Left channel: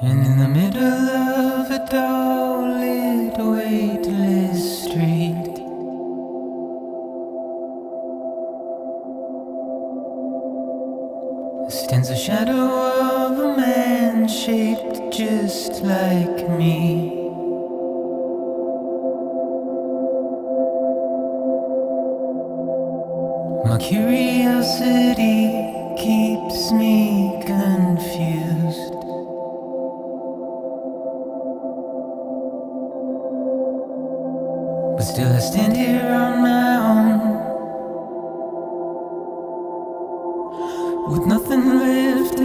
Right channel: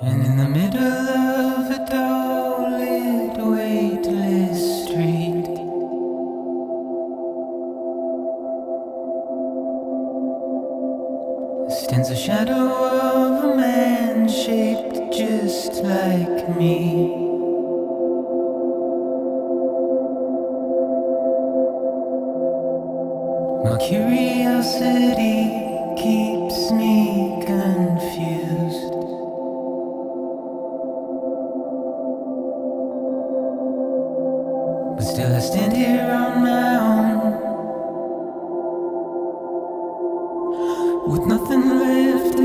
And in the middle of a dull-lit, weightless street, stands the shadow of a man shaped just like me. My curiosity keeps me confused. But still I stand here on my own, with nothing left